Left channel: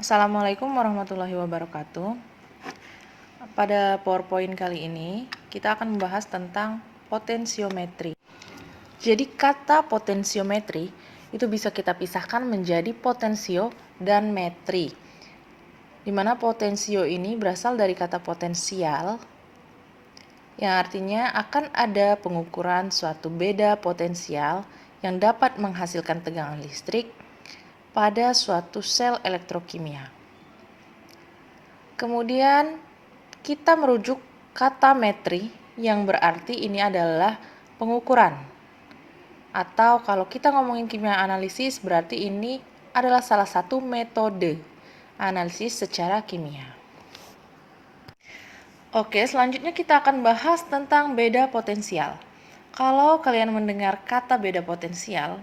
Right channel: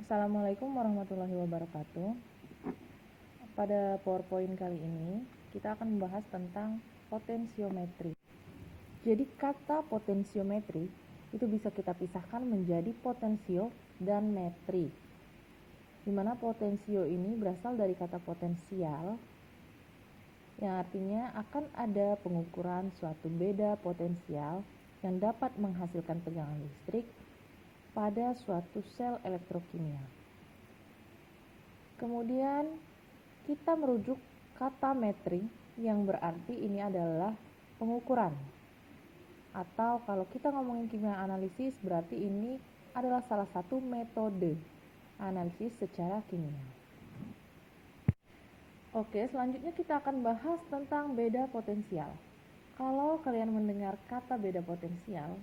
Assalamualaikum warahmatullahi wabarakatuh. Pada PowerPoint kali ini, kita akan membahas tentang potensiometri. Jadi kata potensiometri itu bisa kita pisahkan menjadi potensio dan metri. Di mana potensio ini berasal dari kata potensial, yang artinya akan ada pengukuran suatu beda potensial yang dapat menghasilkan tegangan listrik pada suatu sel elektrokimia. Kemudian kita merujuk kata metri yang berarti ini adalah pengukuran. Atau kalau kita ngomongin kimia analisis berarti ini adalah salah satu metode analisis secara kimia. Oke, selanjutnya kita akan bahas tentang beda potensial. Kalau kalian mendengar kata beda potensial,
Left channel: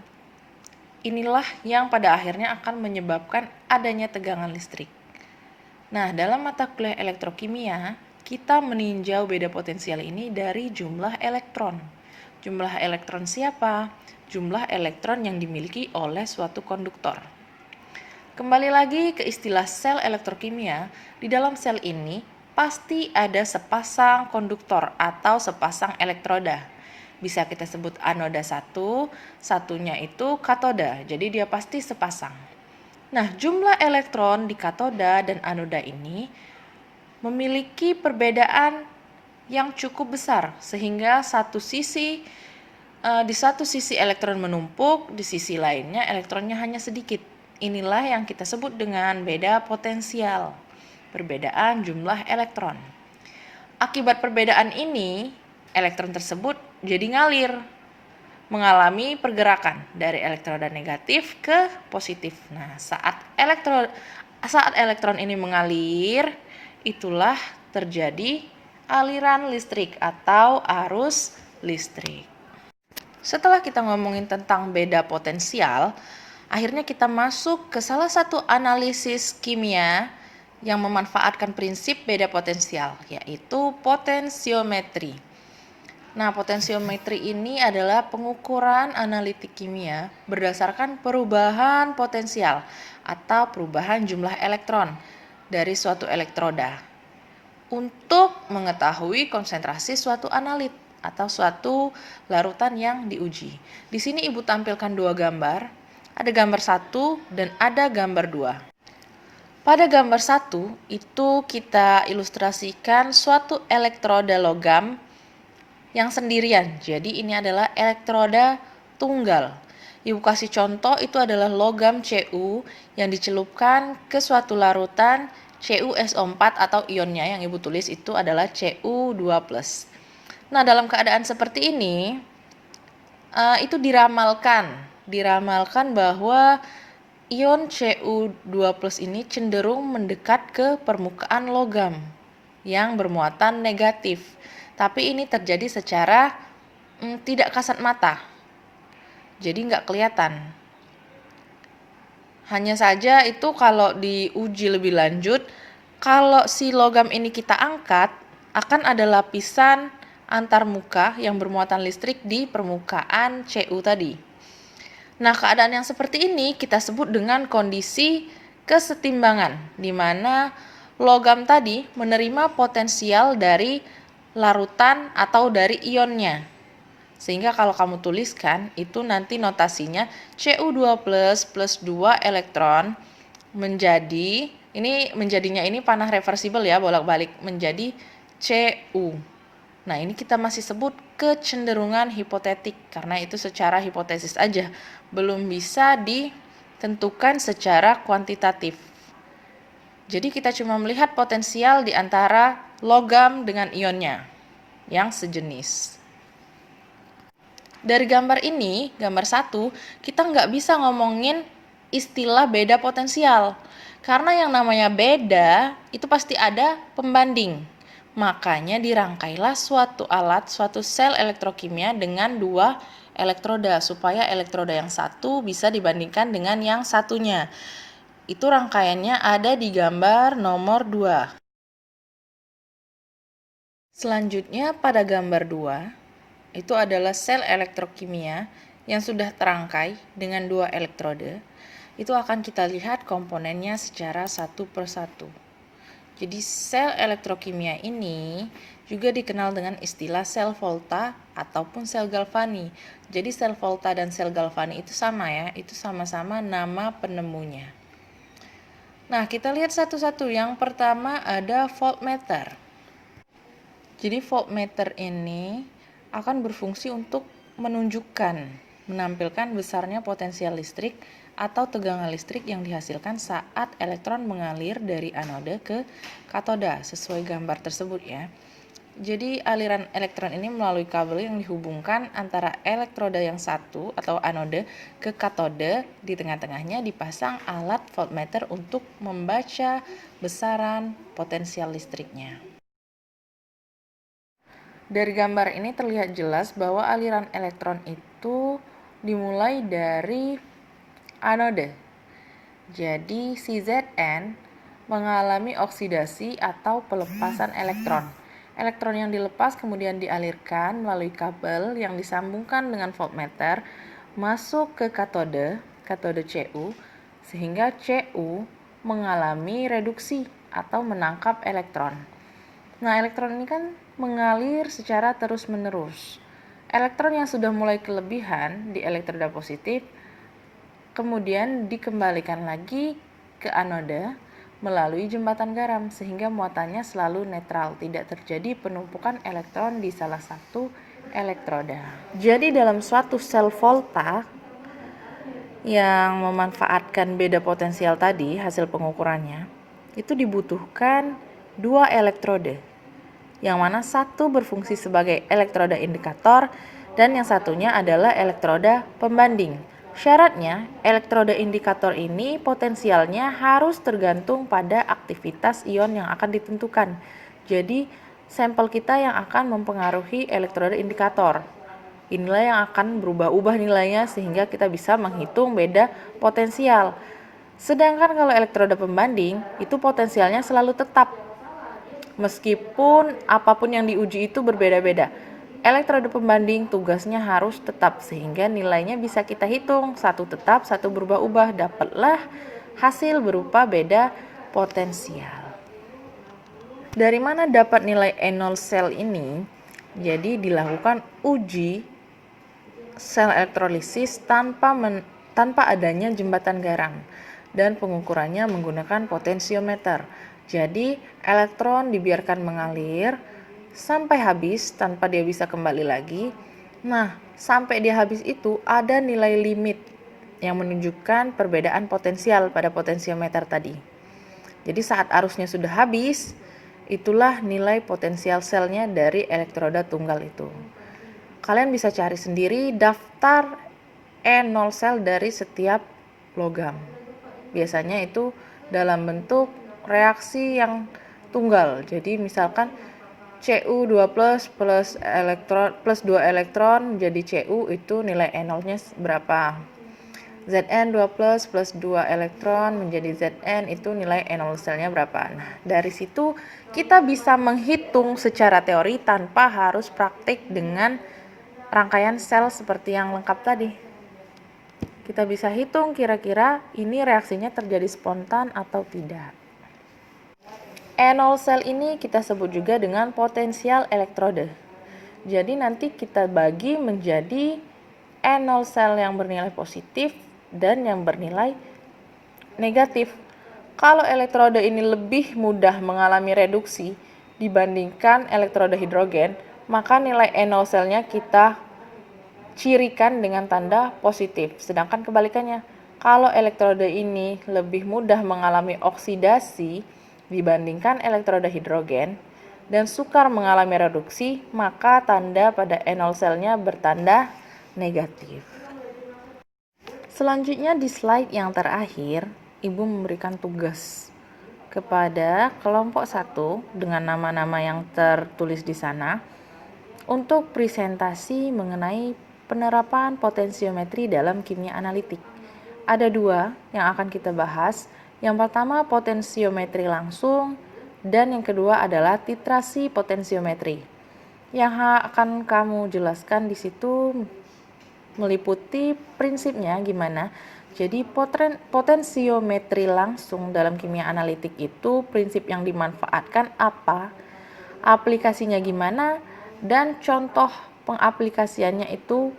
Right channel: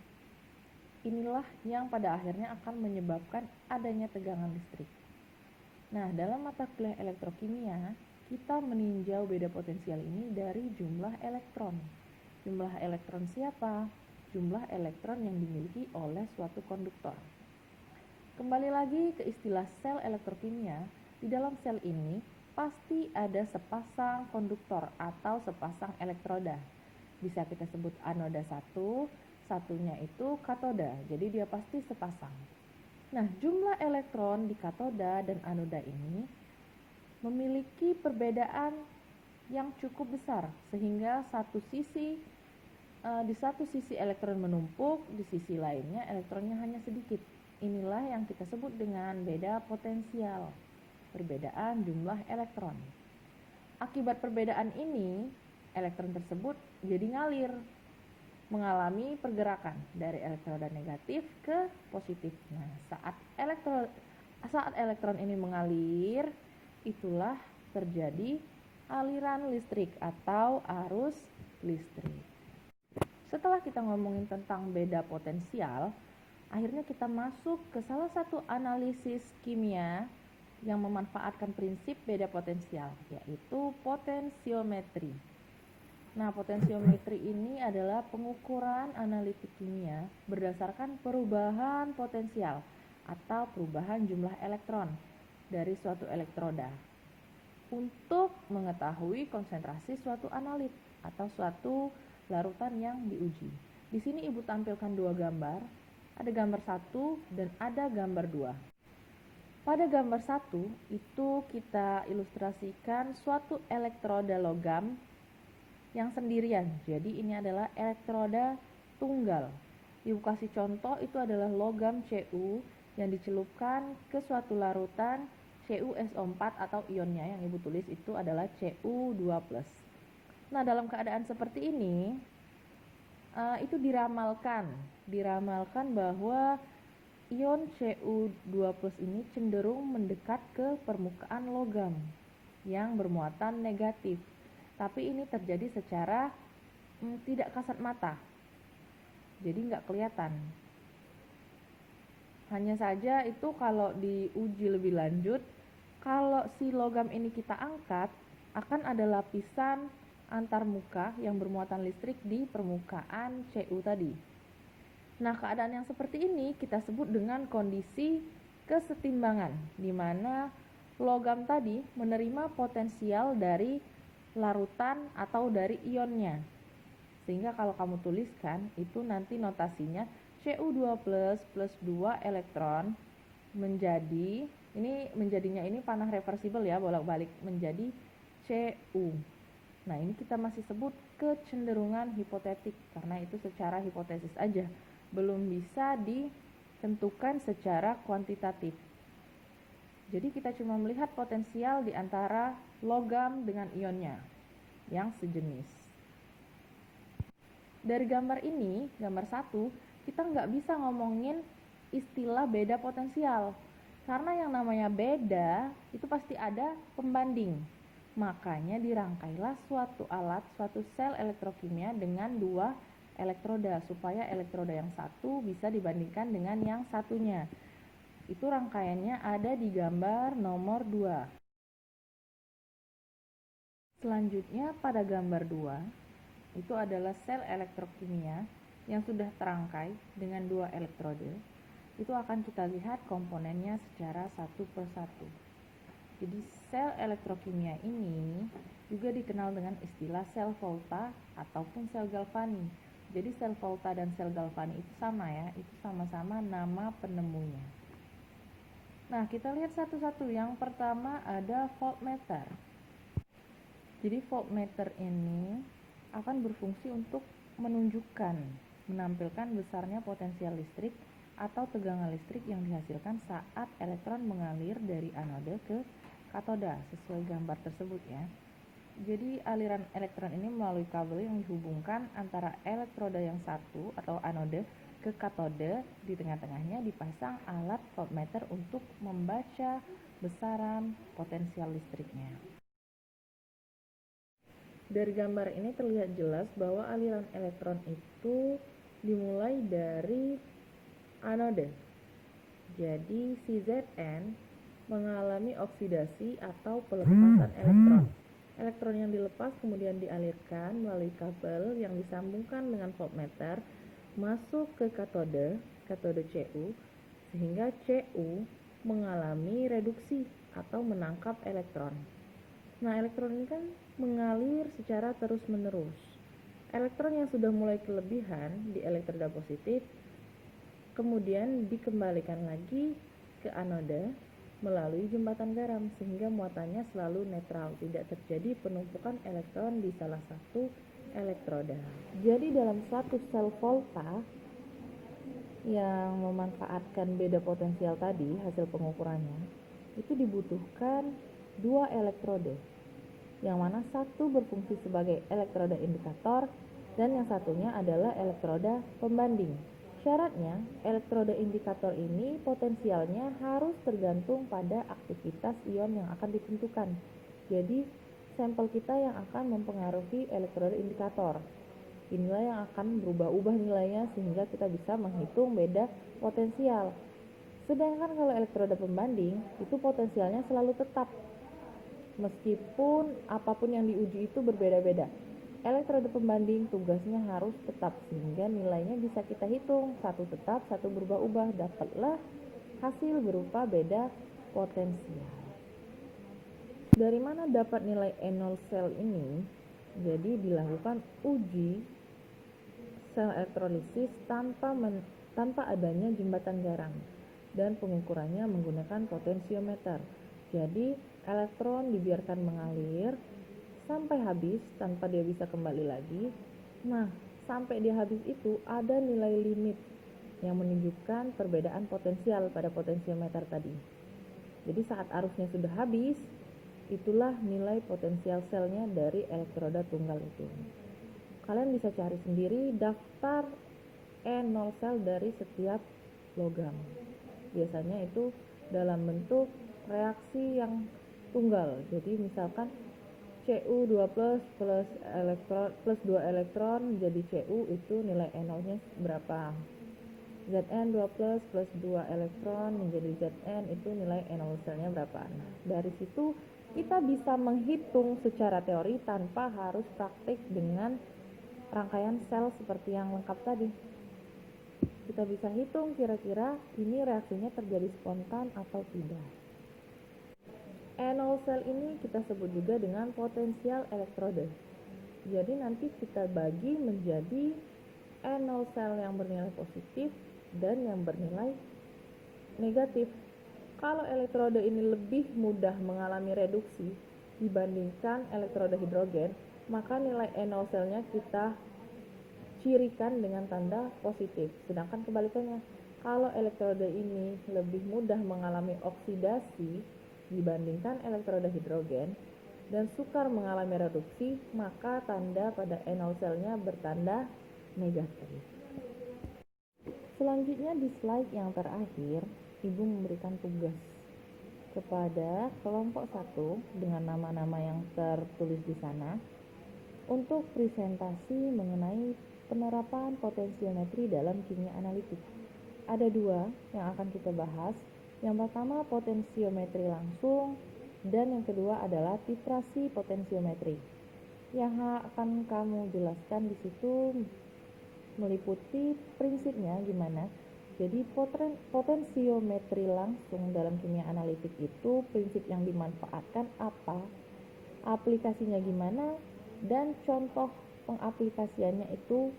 inilah yang pada akhirnya akan menyebabkan adanya tegangan listrik. Nah, dalam mata kuliah elektrokimia, kita meninjau beda potensial ini dari jumlah elektron. Jumlah elektron siapa? Jumlah elektron yang dimiliki oleh suatu konduktor. Kembali lagi ke istilah sel elektrokimia, di dalam sel ini pasti ada sepasang konduktor atau sepasang elektroda. Bisa kita sebut anoda satu, satunya itu katoda, jadi dia pasti sepasang. Nah, jumlah elektron di katoda dan anoda ini memiliki perbedaan yang cukup besar sehingga di satu sisi elektron menumpuk, di sisi lainnya elektronnya hanya sedikit. Inilah yang kita sebut dengan beda potensial, perbedaan jumlah elektron. Akibat perbedaan ini, elektron tersebut jadi ngalir, mengalami pergerakan dari elektroda negatif ke positif. Nah, saat elektron ini mengalir, itulah terjadi aliran listrik atau arus listrik. Setelah kita ngomongin tentang beda potensial, akhirnya kita masuk ke salah satu analisis kimia yang memanfaatkan prinsip beda potensial, yaitu potensiometri. Nah, potensiometri ini adalah pengukuran analitik kimia berdasarkan perubahan potensial atau perubahan jumlah elektron dari suatu elektroda untuk mengetahui konsentrasi suatu analit atau suatu larutan yang diuji. Di sini Ibu tampilkan dua gambar, ada gambar 1 dan ada gambar 2. Pada gambar 1 itu kita ilustrasikan suatu elektroda logam yang sendirian. Jadi ini adalah elektroda tunggal. Ibu kasih contoh itu adalah logam Cu yang dicelupkan ke suatu larutan CuSO4 atau ionnya yang Ibu tulis itu adalah Cu2+. Nah, dalam keadaan seperti ini itu diramalkan bahwa ion Cu2+ ini cenderung mendekat ke permukaan logam yang bermuatan negatif. Tapi ini terjadi secara tidak kasat mata. Jadi nggak kelihatan. Hanya saja itu kalau diuji lebih lanjut, kalau si logam ini kita angkat, akan ada lapisan antarmuka yang bermuatan listrik di permukaan Cu tadi. Nah, keadaan yang seperti ini kita sebut dengan kondisi kesetimbangan, di mana logam tadi menerima potensial dari larutan atau dari ionnya. Sehingga kalau kamu tuliskan, itu nanti notasinya Cu2+ plus 2 elektron menjadinya ini panah reversibel ya, bolak-balik menjadi Cu. Nah, ini kita masih sebut kecenderungan hipotetik karena itu secara hipotesis aja, belum bisa ditentukan secara kuantitatif. Jadi kita cuma melihat potensial di antara logam dengan ionnya yang sejenis. Dari gambar ini, gambar 1, kita nggak bisa ngomongin istilah beda potensial. Karena yang namanya beda, itu pasti ada pembanding. Makanya dirangkailah suatu alat, suatu sel elektrokimia dengan dua elektroda, supaya elektroda yang satu bisa dibandingkan dengan yang satunya. Itu rangkaiannya ada di gambar nomor 2. Selanjutnya pada gambar 2, itu adalah sel elektrokimia yang sudah terangkai dengan dua elektroda. itu akan kita lihat komponennya secara satu persatu. Jadi sel elektrokimia ini juga dikenal dengan istilah sel volta ataupun sel Galvani. Jadi sel volta dan sel Galvani itu sama ya, itu sama-sama nama penemunya. Nah, kita lihat satu-satu. Yang pertama ada voltmeter. Jadi voltmeter ini akan berfungsi untuk menampilkan besarnya potensial listrik atau tegangan listrik yang dihasilkan saat elektron mengalir dari anode ke katoda sesuai gambar tersebut ya. Jadi aliran elektron ini melalui kabel yang dihubungkan antara elektroda yang satu atau anode ke katode. Di tengah-tengahnya dipasang alat voltmeter untuk membaca besaran potensial listriknya. Dari gambar ini terlihat jelas bahwa aliran elektron itu dimulai dari anode. Jadi si Zn mengalami oksidasi atau pelepasan elektron. Elektron yang dilepas kemudian dialirkan melalui kabel yang disambungkan dengan voltmeter masuk ke katode Cu, sehingga Cu mengalami reduksi atau menangkap elektron. Nah, elektron ini kan mengalir secara terus-menerus. Elektron yang sudah mulai kelebihan di elektroda positif kemudian dikembalikan lagi ke anode melalui jembatan garam sehingga muatannya selalu netral, tidak terjadi penumpukan elektron di salah satu elektroda. Jadi dalam suatu sel volta yang memanfaatkan beda potensial tadi hasil pengukurannya, itu dibutuhkan dua elektroda, yang mana satu berfungsi sebagai elektroda indikator dan yang satunya adalah elektroda pembanding. Syaratnya, elektroda indikator ini potensialnya harus tergantung pada aktivitas ion yang akan ditentukan. Jadi, sampel kita yang akan mempengaruhi elektroda indikator. Inilah yang akan berubah-ubah nilainya sehingga kita bisa menghitung beda potensial. Sedangkan kalau elektroda pembanding, itu potensialnya selalu tetap. Meskipun apapun yang diuji itu berbeda-beda. Elektroda pembanding tugasnya harus tetap sehingga nilainya bisa kita hitung, satu tetap, satu berubah-ubah, dapatlah hasil berupa beda potensial. Dari mana dapat nilai E0 sel ini? Jadi dilakukan uji sel elektrolisis tanpa adanya jembatan garam dan pengukurannya menggunakan potensiometer. Jadi elektron dibiarkan mengalir sampai habis tanpa dia bisa kembali lagi. Nah, sampai dia habis itu ada nilai limit yang menunjukkan perbedaan potensial pada potensiometer tadi. Jadi saat arusnya sudah habis, itulah nilai potensial selnya dari elektroda tunggal itu. Kalian bisa cari sendiri daftar E0 sel dari setiap logam. Biasanya itu dalam bentuk reaksi yang tunggal. Jadi misalkan Cu2 plus 2 elektron menjadi Cu, itu nilai E0-nya berapa. Zn2 plus 2 elektron menjadi Zn, itu nilai E0 selnya berapa. Nah, dari situ kita bisa menghitung secara teori tanpa harus praktik dengan rangkaian sel seperti yang lengkap tadi. Kita bisa hitung kira-kira ini reaksinya terjadi spontan atau tidak. E0 sel ini kita sebut juga dengan potensial elektroda. Jadi nanti kita bagi menjadi E0 sel yang bernilai positif dan yang bernilai negatif. Kalau elektroda ini lebih mudah mengalami reduksi dibandingkan elektroda hidrogen, maka nilai E0 selnya kita cirikan dengan tanda positif. Sedangkan kebalikannya, kalau elektroda ini lebih mudah mengalami oksidasi dibandingkan elektroda hidrogen dan sukar mengalami reduksi, maka tanda pada E0 selnya bertanda negatif. Selanjutnya di slide yang terakhir, Ibu memberikan tugas kepada kelompok 1 dengan nama-nama yang tertulis di sana untuk presentasi mengenai penerapan potensiometri dalam kimia analitik. Ada 2 yang akan kita bahas. Yang pertama potensiometri langsung dan yang kedua adalah titrasi potensiometri. Yang akan kamu jelaskan di situ meliputi prinsipnya gimana Jadi potensiometri langsung dalam kimia analitik itu prinsip yang dimanfaatkan apa, aplikasinya gimana, dan contoh pengaplikasiannya itu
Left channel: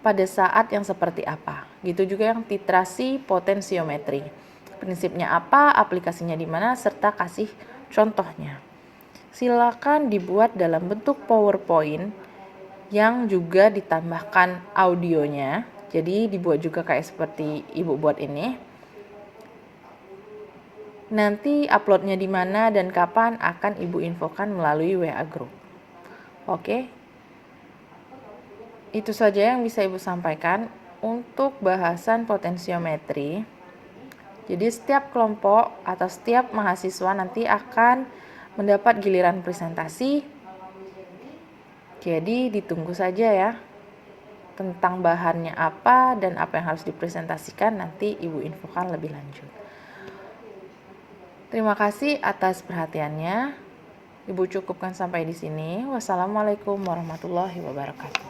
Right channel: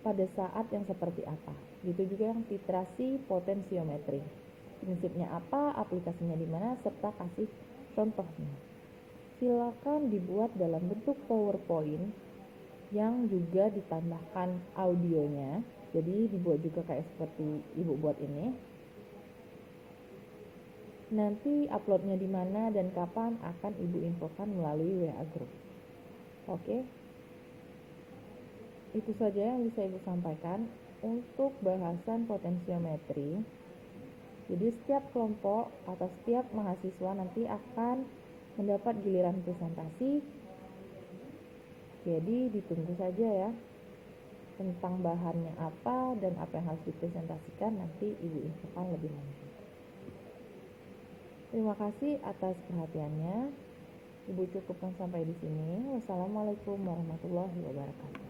pada saat yang seperti apa. Gitu juga yang titrasi potensiometri. Prinsipnya apa, aplikasinya di mana, serta kasih contohnya. Silakan dibuat dalam bentuk PowerPoint yang juga ditambahkan audionya. Jadi dibuat juga kayak seperti Ibu buat ini. Nanti uploadnya di mana dan kapan akan Ibu infokan melalui WA Group. Oke. Itu saja yang bisa Ibu sampaikan untuk bahasan potensiometri. Jadi setiap kelompok atau setiap mahasiswa nanti akan mendapat giliran presentasi. Jadi ditunggu saja ya. Tentang bahannya apa dan apa yang harus dipresentasikan nanti Ibu infokan lebih lanjut. Terima kasih atas perhatiannya. Ibu cukupkan sampai di sini. Wassalamualaikum warahmatullahi wabarakatuh.